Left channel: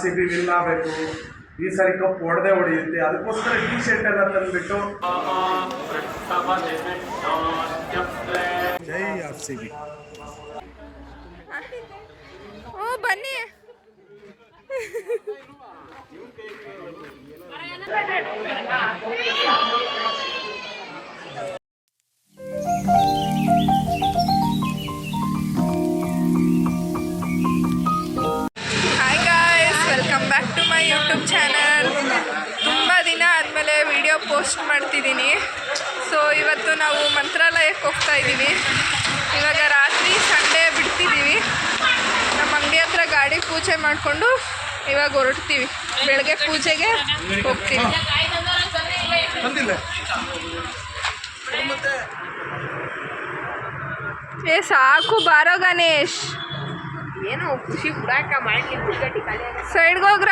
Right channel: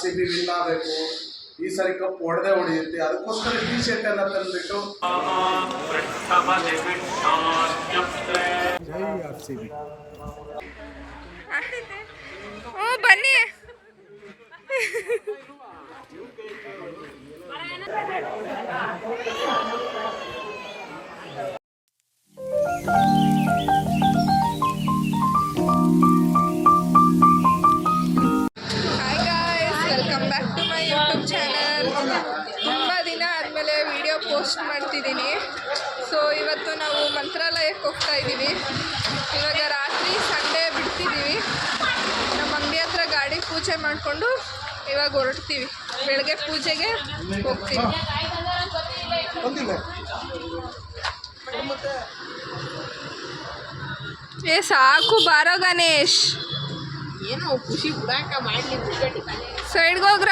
RCB win ಆಗಬೇಕು, ಈ ಸಾರಿ cup ಹೊಡೆದೇ ಹೊಡೆಯುತ್ತೆ, ಅದಕ್ಕೋಸ್ಕರ ಟಿ ಶರ್ಟ್ ಎಲ್ಲ ತಂದುಬಿಟ್ಟು ಜೈ RCB. ಬನ್ನಿ. Welcome back to my YouTube channel. ತುಂಬ ದಿನ ಆದಮೇಲೆ ವಿಡಿಯೋ ಪೋಸ್ಟ್ ಮಾಡ್ತಿದ್ದೀನಿ. ಸೊ ಇವತ್ತು ನಾವು ಮಂತ್ರಾಲಯಕ್ಕೆ ಹೋಗ್ತಾ ಇದ್ದೀವಿ. ಇವಾಗ ರಾತ್ರಿ ಸಂಡೇ ಬಿಡ್ತಿದ್ದೀವಿ. ನಮ್ಮ ಅಂಗಡಿ ಹತ್ರ ಗಾಡಿ ಪೂಜೆ ಮಾಡಿಕೊಂಡು ಇವಾಗ ಹೊರಡ್ತೀವಿ. ಬೆಳಗ್ಗೆ ಪೂಜೆಗೆ ಹೋಗ್ತೀವಿ. ಏ ಸಾಕು ಬಾರೋ ಗಣೇಶ್, ಏನೋ ಖುಷಿ ಹುಡಾಕ ಮಾಡ್ಲಿ. ಸೈಡ್ಗೆ ಹೋಗ್ರ.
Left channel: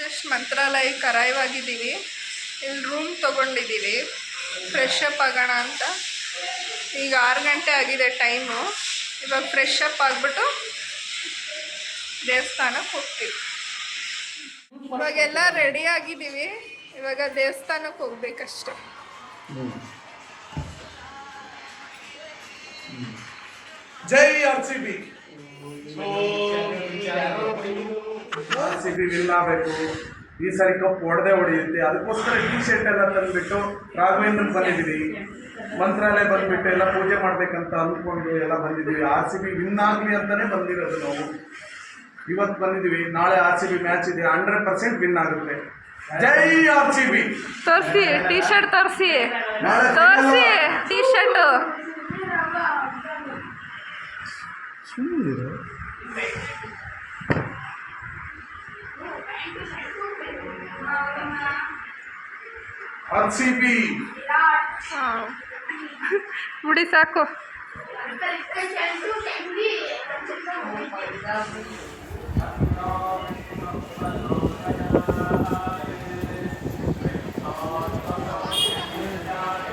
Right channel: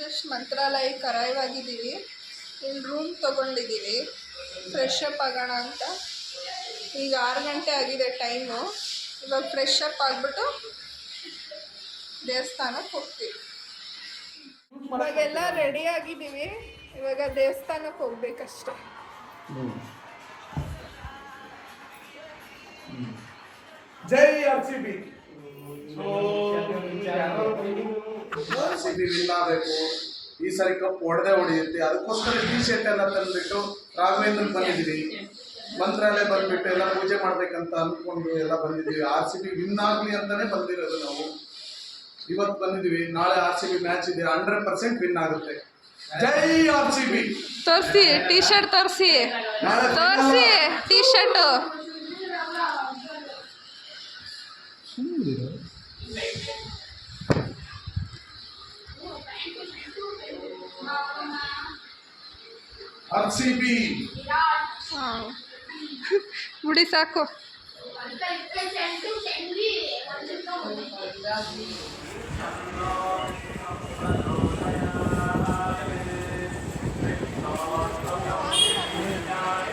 ಜಸ್ಟ್ ಮಂತ್ರಾಲಯಕ್ಕೆ ಅರೈವ್ ಆಗಿದ್ದೀವಿ. ಇಲ್ಲಿ ರೂಮ್ ತೊಗೊಂಡಿದ್ದೀವಿ ಫ್ರೆಶ್ ಅಪ್ ಆಗೋಣ ಅಂತ. ಈಗ 6 ಗಂಟೆ ಆಗಿದೆ ಟೈಮು. ಇವಾಗ ಫ್ರೆಶ್ ಅಪ್ ಆಗಿಬಿಟ್ಟು ದೇವಸ್ಥಾನಕ್ಕೆ ಹೋಗ್ತೀವಿ. ಇವಾಗೆಲ್ಲ ರೆಡಿ ಆಗಿದ್ದೀವಿ. ಇವಾಗ ದೇವಸ್ಥಾನಕ್ಕೆ ಹೋಗ್ಬೇಕಷ್ಟೆ. ಜೈ RCB. RCB ವಿನ್ ಆಗಬೇಕು, ಈ ಸಾರಿ ಕಪ್ ಹೊಡೆದೇ ಹೊಡೆಯುತ್ತೆ, ಅದಕ್ಕೋಸ್ಕರ ಟಿ ಶರ್ಟ್ ಎಲ್ಲ ತಂದುಬಿಟ್ಟು ರಾಘವೇಂದ್ರಕ್ಕೆ ಬಂದಿದ್ದೀವಿ. ಮಂತ್ರಾಲಯ ಬಂದುಬಿಟ್ಟು ಎಲ್ಲ ಪೂಜೆ ಮಾಡಬೇಕಂತ ಅಂದ್ಕೊಂಡು ಎಲ್ಲ ಬಂದಿದ್ದೀವಿ. RCB ವಿನ್ ಆಗಲಿ ಅಂತಲೇ ಬಂದಿರೋದು ನಾವು. ಇವತ್ತು ಬಂದಿದ್ದೀವಿ. ನಾಳೆ RCB ಮ್ಯಾಚ್ ಇದೆ, 100% ವಿನ್ ಆಗುತ್ತೆ. ಜೈ RCB. ತೋರಿಸಿ ಟಿ ಶರ್ಟ್, ತೋರಿಸಿ ಟಿ ಶರ್ಟ್. RCB ಬಿಡಿ ಸಾಕು.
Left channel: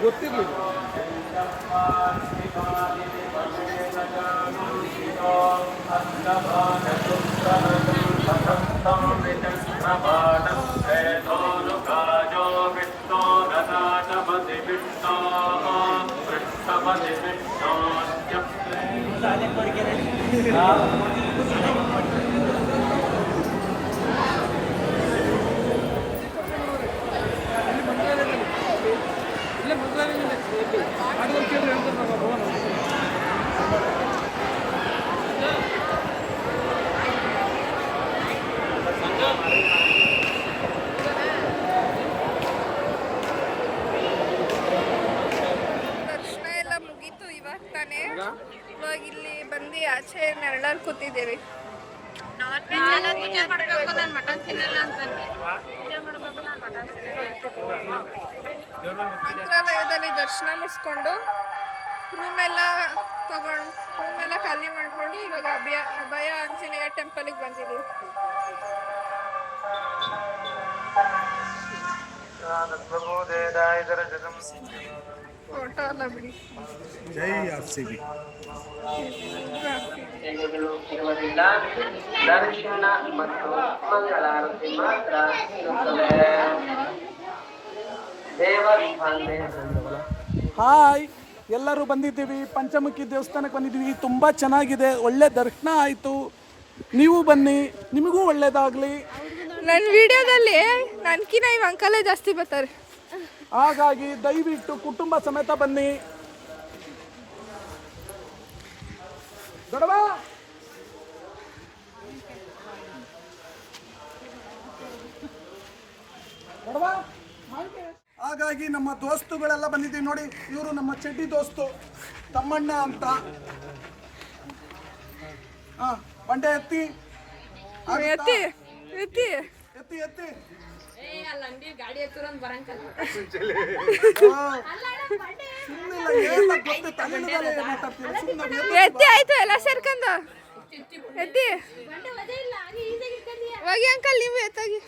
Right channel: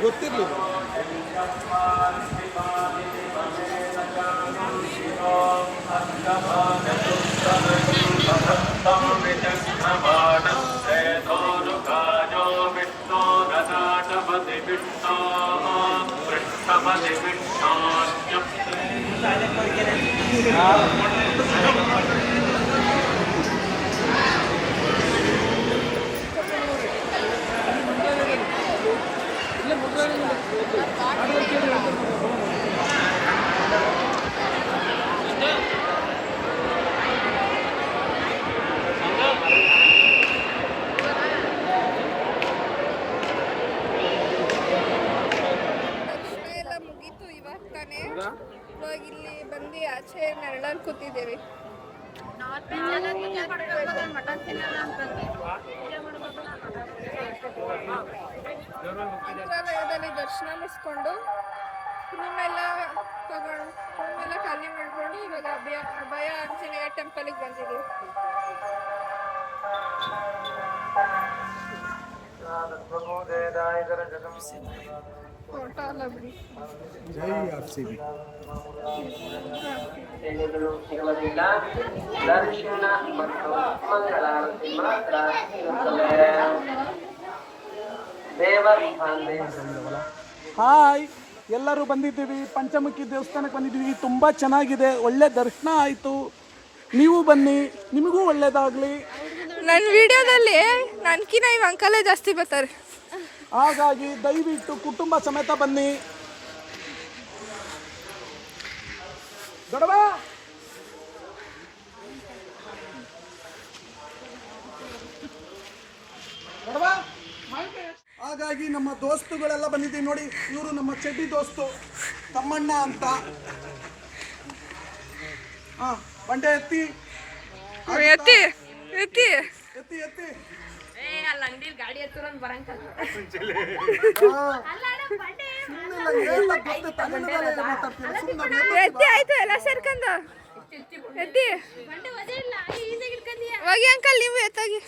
ಗೊತ್ತಿರಲಿಲ್ಲ. ಇವಾಗ ಇಲ್ಲಿ ಬಂದು ಆಚೆ ನೆರಳಲ್ಲಿ ಕೂತಿದ್ದೇವೆ. ಮಂತ್ರಾಲಯದಲ್ಲಿ ದರ್ಶನ ಮುಗಿಸ್ಕೊಂಡು ರೂಮೆಲ್ಲ ಖಾಲಿ ಮಾಡ್ಕೊಂಡು ಇವಾಗ ಅಭಯ ಆಂಜನೇಯ ಟೆಂಪಲ್ಗೆ ಬಂದಿದ್ದೀವಿ. ಫೋಟೋ ಅಲ್ಲ ಬಿಡಿ. ಜೈ RCB. ದರ್ಶನ ಮತ್ತು ಮಂಗಳಾರತಿ ಮಾತ್ರ ಇರುತ್ತದೆ. ಹಾಯ್, ಎಲ್ಲರೂ ಬಂದಿದ್ದೀವಿ. ಪಂಚಮುಖಿ ದೇವಸ್ಥಾನಕ್ಕೆ ಬಂದಿದ್ದೀವಿ. ತುಂಬ ಚೆನ್ನಾಗಿದೆ, ಒಳ್ಳೆ ದರ್ಶನ ಆಯಿತು. ನೀವು ಬನ್ನಿ, ನಿಮಗೂ ಒಳ್ಳೆಯದಾಗಲಿ. ನನ್ನ ವಿಡಿಯೋದಲ್ಲಿ ನನ್ಕಿನ ಇವ್ ಅಂಕಲೇ ಜಾಸ್ತಿ ಬರ್ತಾರೆ. ಹಾಗಾಗಿ ದಯವಿಟ್ಟು ಕುಟುಂಬ ಸಮೇತ ಬನ್ನಿ. ದೊಡ್ಡವ ಹಾಗಾಗಿ ನಮ್ಮ ದೋಸ್ತುಗಳೆಲ್ಲ ಬಂದಿದ್ದೀವಿ ನೋಡಿ. ಇವರು ನಮ್ಮ ಚಡ್ಡಿ ದೋಸ್ತು ತಮ್ಮಣ್ಣ ಅಂತ. ಬಂಡೆ ಎತ್ತಿ ಎತ್ತಿ ಎತ್ತಿ ಎತ್ತಿ ಎತ್ತಿ. ಗಾಡಿ ಹತ್ತಿರ ಬರಂಕಲ್ಲ. ಎತ್ತಿ ಆಯ್ತು ಎಲ್ಲ ಸರ್ಕಂದ ಎತ್ತಿ ಹೋಗಿ ಅಂಕಲ್, ನೀವು ಎತ್ತಾಗಿ.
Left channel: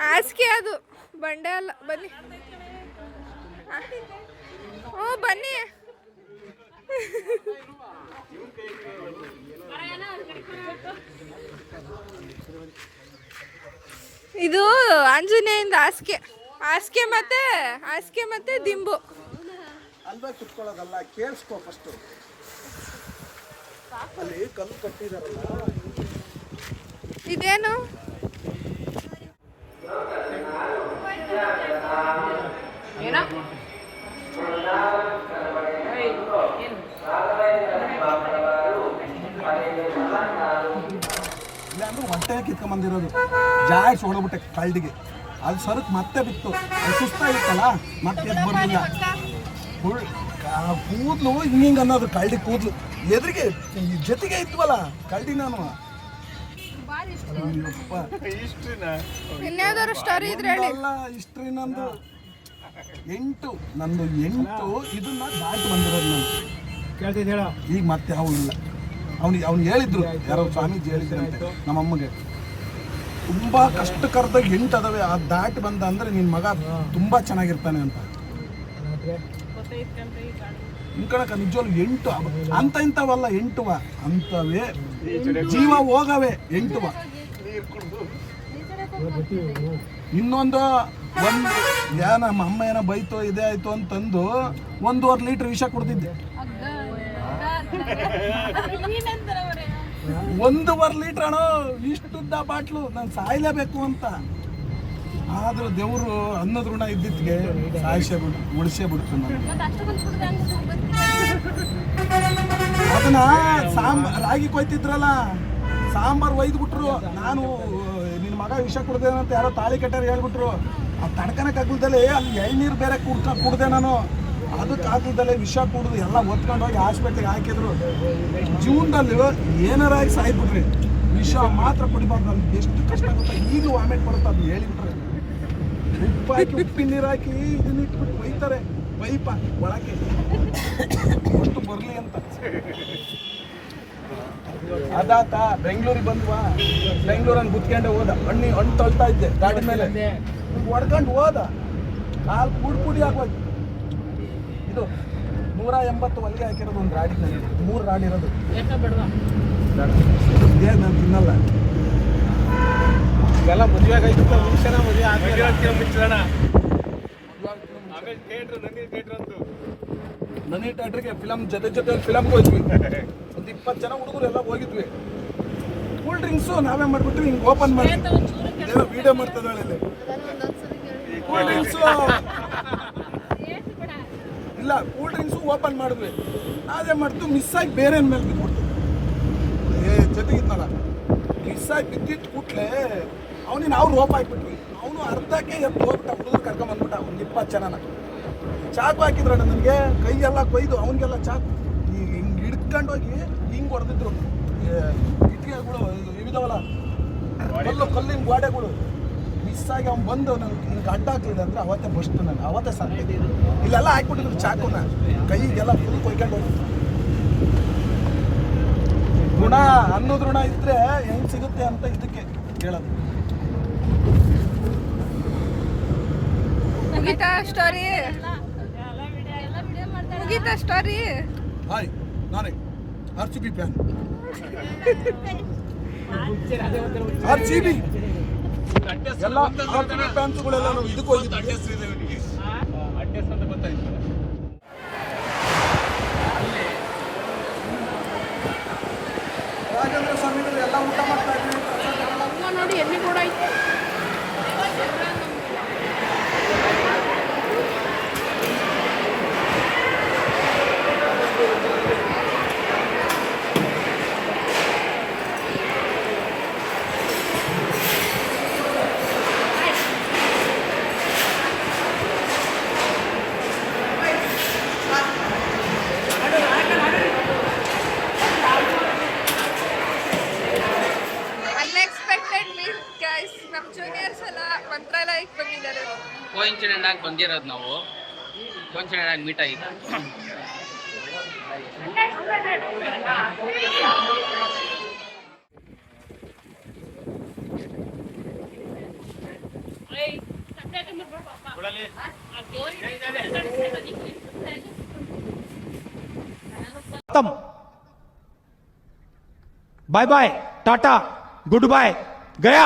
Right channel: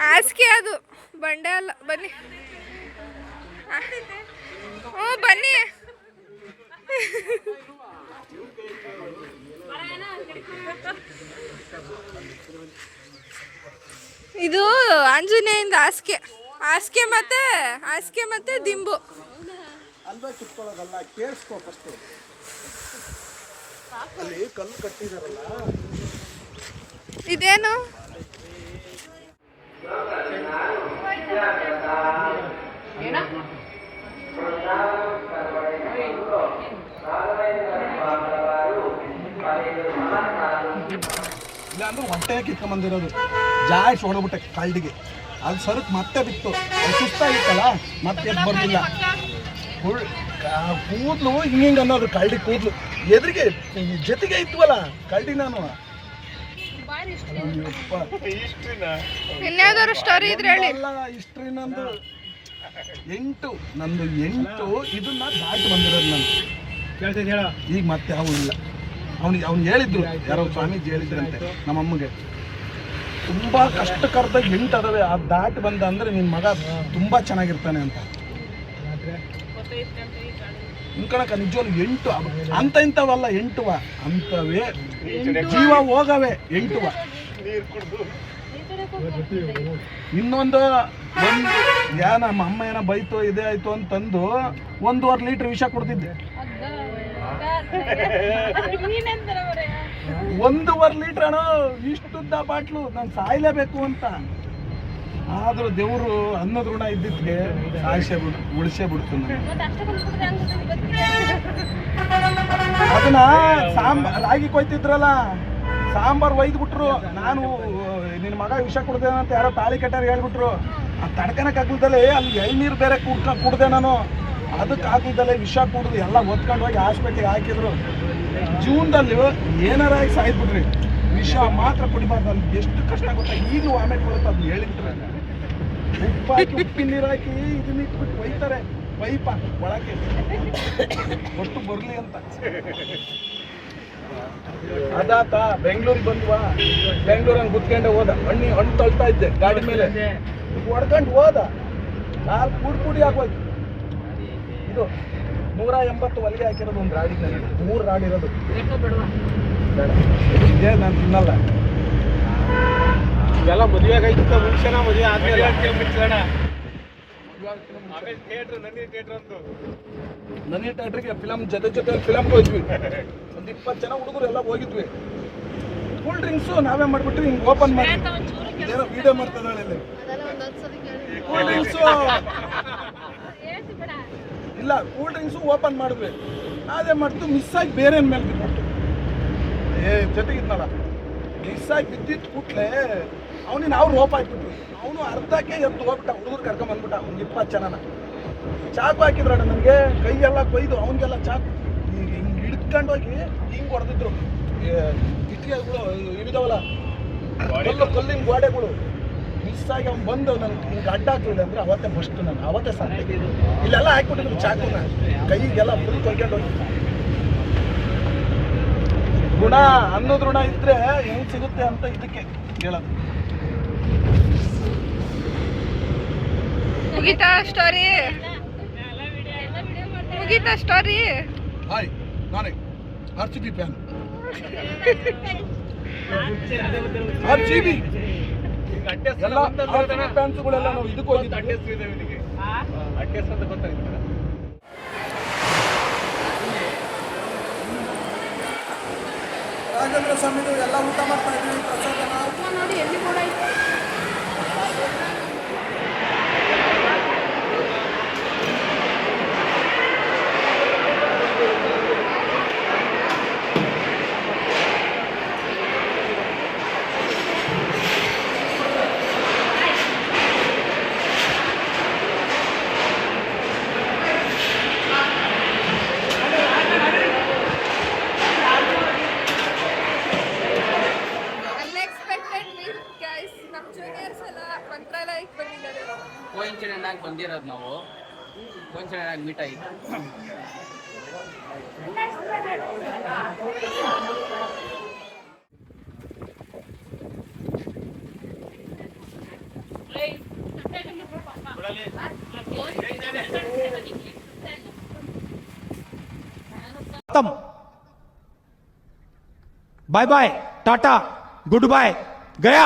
ಹಾಸಿಗೆ ಅದು ಬಂಡೆ ಅಲ್ಲ. ಬನ್ನಿ. ಹ್ಞೂ ಬನ್ನಿ. ಇದು ಆಂಜನೇಯಂದ ಹಾಸಿಗೆ ಮತ್ತೆ ದಿಂಬು. ಅಲ್ವಾ ಕುತ್ಕೊಳ್ಳೋದಲ್ಲ, ಕೇಳಿಸ್ಕೋ ಫಸ್ಟು. ಅಲ್ಲಿ ಕಲ್ಲು ಕಟ್ಟಿದಾರಲ್ಲ, ಇದೇನು? ಇಲ್ಲ ಅಂದ್ರೆ ಹೊಟ್ಟೆ ಕಿತ್ಕೊಂಬಂದಿರೋದು ಜಾಸ್ತಿ ಹೊಡಬಿಟ್ಟೆ ಕಳ್ಳಿಗೆ. ಅದು ಸರಕ್ ಮತ್ತೆ ಬಿತ್ತು, ಸುಸ್ತಾಗಿತ್ತಲ್ಲ ಮತ್ತೆ ಎದ್ದು ಬರ್ಲಿಲ್ಲ. ಕೂದಲು ಹಿಂಗೆ ಅನ್ನೋದು ಕಳ್ಳಿ ಕೂದಲು ಎದುರಿಗೆ ಜೊತೆಗೆ ಇದ್ವಲ್ಲ ಕಳ್ಳಿ. ನಾನು ಇನ್ಯಾವ್ದಾದ್ರು ಸ್ಟೋರಿ ಇದ್ರೆ ಹೇಳಿ. ಅಲ್ಲ ಹಿಸ್ಟ್ರಿ ನಂದು 8 ಇದನ್ನ ದಾಟಿ ಬಂದಿರೋದು ನಾನು. ಈಗ ಮತ್ತೆ ಅವನಿಲ್ಲ. ಅವ್ನು ಹೇಳಿದ್ರು, ಯಾರೋ ಸ್ವಾಮೀಜಿ ಹೇಳಿದ್ರಂತೆ ನಮ್ಮಮ್ಮಗೆ, ತುಂಬ ಕಷ್ಟಕರದಾಗ 8 ಅದಾವೆ, ಅದು ದಾಟಿ ಬಂದ ಅಂದರೆ ನಿನ್ನ ಮಗ ತುಂಬ ಚೆನ್ನಾಗಿರ್ತಾನೆ ಅಂತ. ಇನ್ಕಣಕ ನಿಜವಾಗ್ಲು 8 ಅಂತ ಇಂಥವಲ್ಲ, 8 ಅಂತವೇ ಜೀವ ಹೋಗವೆ 8. ಇನ್ನೊಂದು ನಮ್ಮ ಅಮ್ಮ ಏನೋ ಬೈತು ಇದೇ ಆಯ್ತು ಅಂತಂದು 1.5 ಲೀಟ್ರ್ ವಿಷ ಕುಡ್ದಿದ್ದೆ. 1.5 ಲೀಟ್ರ್ ಅಣ್ಣ, ಇಷ್ಟುದ್ದ ಬಾಟ್ಲು. ನಾನು ಸಾಯ್ಲೇಬೇಕು ಅಂತ. ಆದ್ರೂ ದೇವರು ಅನ್ನದ ಋಣ ಇದ್ದಿದ್ಗೆ ಉಳಿಸೇ ಬಿಡ್ತು ನಾನು. ಅದನ್ನ ರಾಗಿ ಕೊಯ್ತಿದ್ರಲ್ಲ, ಸಾಂಬಾರು ಒಯ್ದ್ಬಿಟ್ರು. ನಾನು ನಿನ್ನ ಮಗ ವಿಷ ಕುಡ್ದೇನ ಅಂತ ಯಾರೋ ತಾಳಿ ಕಟ್ಟಾರ ಹೇಳ್ಬಿಟ್ರು. ಆ ತಡ್ಕನಕ್ಕೆ ಆಗ್ಲದಲ್ಲೇ ಅಲ್ಲಿ ಎಳ್ನೀರು ಬೇರೆ ಕುಡ್ದೆ ನಾನು. ಅದಕ್ಕೆ ಆಗ್ಲದಲ್ಲೇ ವಿಷ ಕುಡ್ದು ಎಲ್ಲ ಒತ್ಕೊಂಡು ಹೋಗಿ ಹಾಸ್ಪಿಟ್ಲಿಗೆ ಹಾಕಿದ್ರು. ಜೂನ್ದಲ್ಲಿ ಏನಾರಾಗಿ ಸಾಯ್ಬಿಟ್ರಿ, ವಿಷ ಮಾತ್ರ ಕುಡಿಬಾರ್ದು. ಅಲ್ಲಿ ಎಷ್ಟು ಕಷ್ಟ ಆಗುತ್ತಾ, ಈಗಲೂ ವಾಮಿಟ್ ಬರುತ್ತೆ. ಅದನ್ನ ಹೇಳಿಬಿಟ್ರೆ ಉಪ್ಪು ಹಾಕಿ ಉಪ್ಪಿನ ನೀರು ಹಾಕಿ ಇದನ್ನ ಇಟ್ಬಿಟ್ಟು ಒಯ್ತಾರೆ ಪೈಪ ಒಳಕ್ಕೆ ಅಷ್ಟು ಬರಲಿ ಅಂತ. ಅದಾತ ಬೆಂಗಳೂರಿಗೆ ಬಂದ್ವಾ, ಬೆಂಗಳೂರಂಗೆ ಗುತ್ಕೊಂಡೆ ಹೋದ. ಹಣ್ಣು ತಳ್ತಾ ಇದ್ದೆ ಗಾಡಿ ಮೇಲೆ, ಹೊಡ್ಕೊಂಡು ಹೋದ. 4 ಪುಡಿ ಆಗೋಯ್ತು. ಇದು 180 ಹೊಲಿಗೆ ಹಾಕಿರೋದು ಒಂದು ರಾಡಿಗೆ, ನನಗೆ 3 ರಾಡಿ ಇರೋದು. ಇದೇ ನಾನು ತಿನ್ನಲ್ಲ. ಇವೆಲ್ಲ ಮದುವೆಗಾಯ್ತು ಮುಂಚೆನ, ಮದುವೆ ಆದ್ಮೇಲೆ ನನಿ ಥಿಯೇಟ್ರಿಗೆ ಫಿಲಮ್ ಜೊತೆ ಫಿಲಮ್ಗೆ ಹೋಯ್ದ್ವಿ. ಒಂದು 20 ಜನ ಹುಡುಗರು ಎಲ್ಲ ಹೋಗಿದ್ವಿ. ಕೂಲ್ ಡ್ರಿಂಕ್ಸು ನಾವೇ ಮಾಡ್ಬಿಟ್ರಿ, ಹಿಂಗೆ ಓಪನ್ ಮಾಡಿ ಏನೋ ವಿಡಿಯೋ ಮಾಡ್ತಿದ್ರಲ್ಲಿ. ಕೂಲ್ ಡ್ರಿಂಕ್ಸು ಇಲ್ಲ, ಕೂಲ್ ಡ್ರಿಂಕ್ಸು ಓಪನ್ ಮಾಡಿದ್ವಿ. ಅದೇ ಮಾಡ್ತು ಮಿಸ್ ಆಗಿ ಬೇರೆ ಮೇಲೆ ಬಿಟ್ಬಿಟ್ಟು ಜೊತೆಗಿದ್ನಲ್ಲ, ಮಿಸ್ ಆಗಿ ಬಿದ್ದಿಟ್ಟು ಕೂಟ್ಲೆ ಅವನಿಗೆ ನಾವು ರೋಪ್ ಹಾಕ್ಬಿಟ್ವಿ. ಅವನು ಅರ್ಧಕ್ಕೆ ಎದ್ದು ಹೋಗ್ಬಿಟ್ಟ, ಹುಡುಗರು ಕರ್ಕೊಂಬಂದ್ಬಿಟ್ಟ. ಒಂದು 20 ಜನನ ಚಾಕು ಹಾಕಿದ್ರಣ್ಣ ನನಗೆ, ಕೈಯೆಲ್ಲ ಕೊಯ್ದು ಅವನಿಗೆಲ್ಲ ಚಾಕು ಹಿಂಗೆ ಹಿಡ್ಕೊಂಡೋಗಿ ಹಿಂಗೆ ಹೊಡೆದಿದ್ರು. ಇಟ್ಟಿಗೆಗಳು ಇಳಿದವಲ್ಲ, ಕಲ್ಲಿನ ಗೋಡೆಗಳು ಮಿಸ್ ಆಗಿ ಅವ್ನು ಬಂದು ನನಗೆ ಹಿಂಗೆ ಅಡ್ಡ ಹಾಕ್ಲಿಲ್ಲ ಅಂದರೆ ಅವತ್ತೇ ಫಸ್ಟ್ ನಾನು ಅವತ್ತೇ ಸಾಧ್ಯ. ಇಲ್ಲೆಲ್ಲ ಹಾಕ್ಬಿಟ್ಟಿದ್ರು ಚಾಕುನ, ಕೈಗೆಲ್ಲ ಫುಲ್ ಕೊಯ್ಕೊಂಡು ಹೋಗಿ. ಋಣ ಅನ್ನೋದು ಋಣ ಇದ್ರೆ ಹೆಂಗೆ ಸಿಗುತ್ತೆ ಅಂತ ಇದಕ್ಕೆ ಹೇಳೋದು. ಮುಗೀತಾ ಸ್ಟೋರಿ? ಹಾಯ್, ನಾನೇ RCB ಫ್ಯಾನ್. RCB ಎಲ್ಲ RCB ಫ್ಯಾನ್ಸ್ಗಳೆಲ್ಲ ನಾವು ಇದಕ್ಕೆ ಹೋಗಿದ್ವಿ. ರಾಘವೇಂದ್ರ ಸ್ವಾಮಿಗಳು ಎಲ್ಲ ಊಟ ಮಾಡ್ತಾ ಇದ್ವಿ. ಕೋಇನ್ಸಿಡೆಂಟ್ ಆಗಿ ಬಂದಿರೋದು ನಾವು, ಕೋಇನ್ಸಿಡೆಂಟ್ ಆಗಿ ಮೀಟ್ ಆಗಿ. खत्म bye bye tata goodbye गया